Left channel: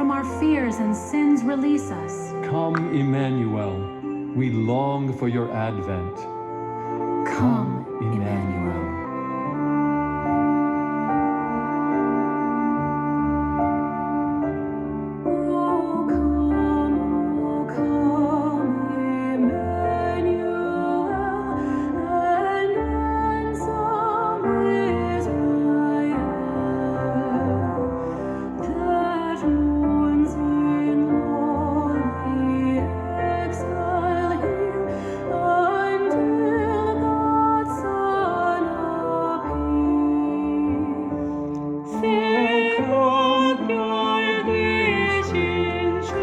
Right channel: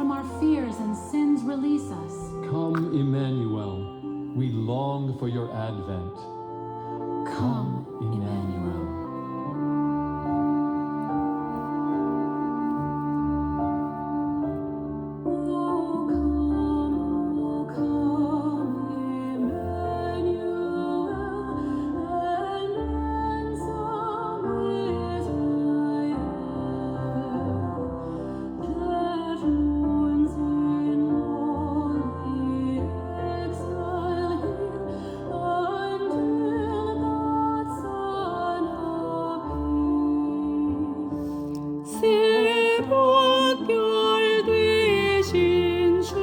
from our fears and sins release us. Come, Emmanuel. We long for your advent. Come, Emmanuel. O come, Emmanuel, and ransom Israel, that mourns in lonely exile here, until God's Son appear. 새벽별 되신 주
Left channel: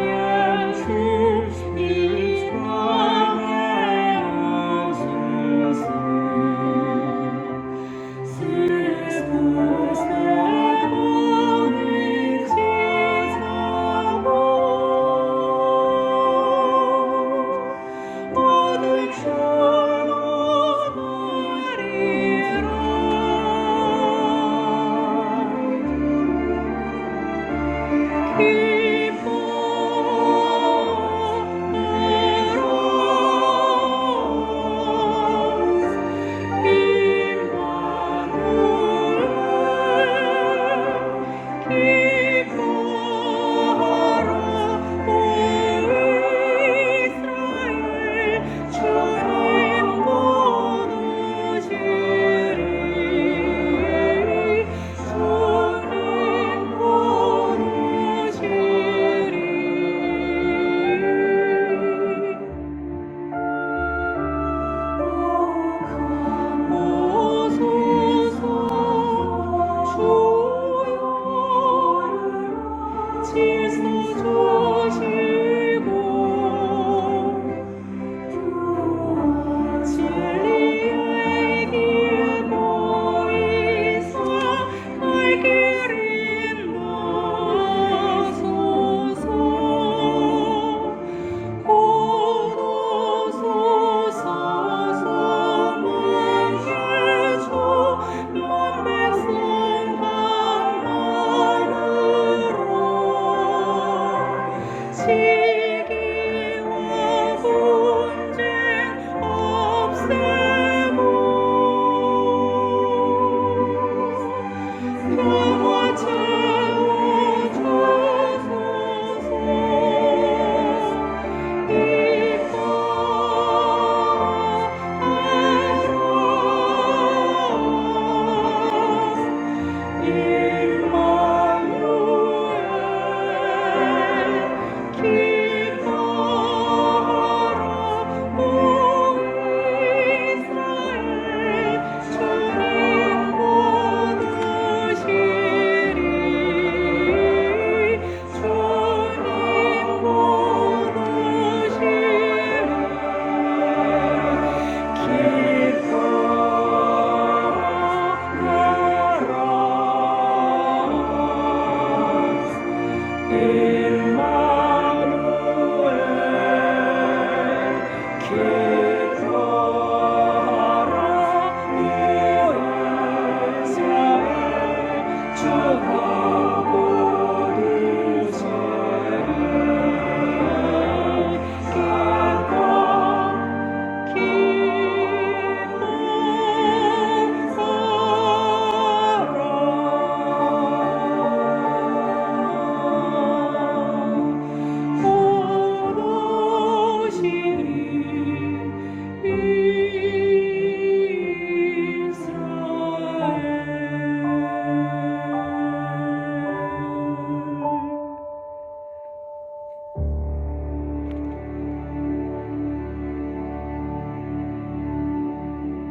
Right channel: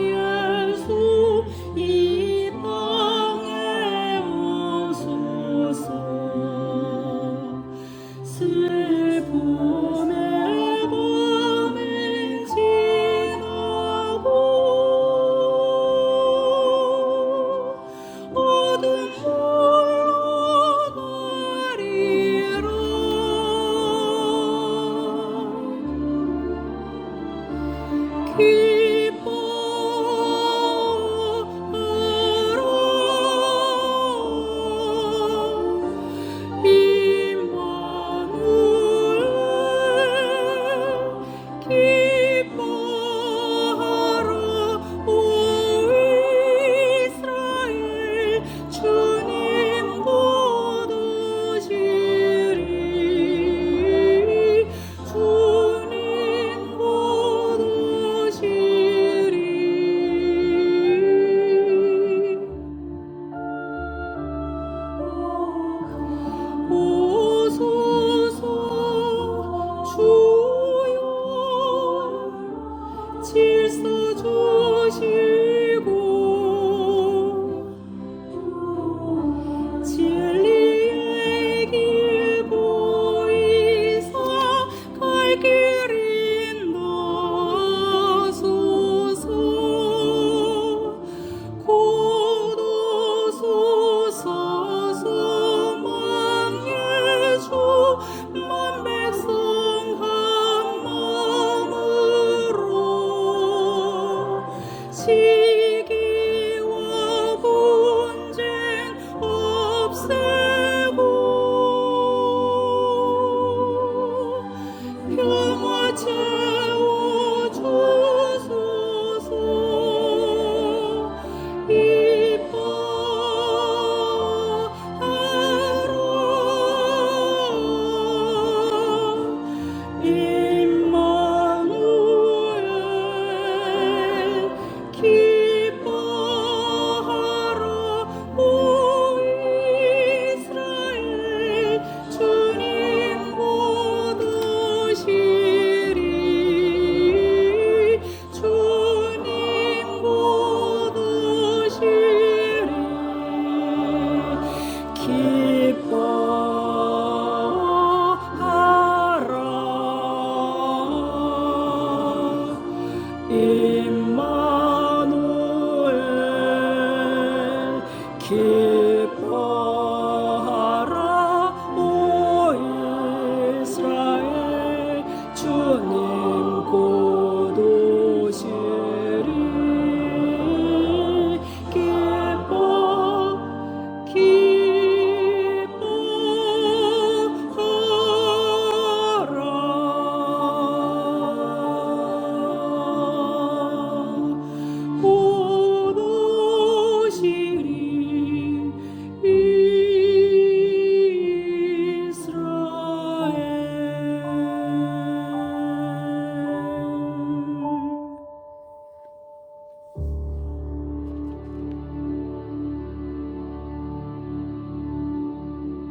예수, 이 땅에 오소서. 슬픔의 밤을 지나고 어둠 흘러가리라. 길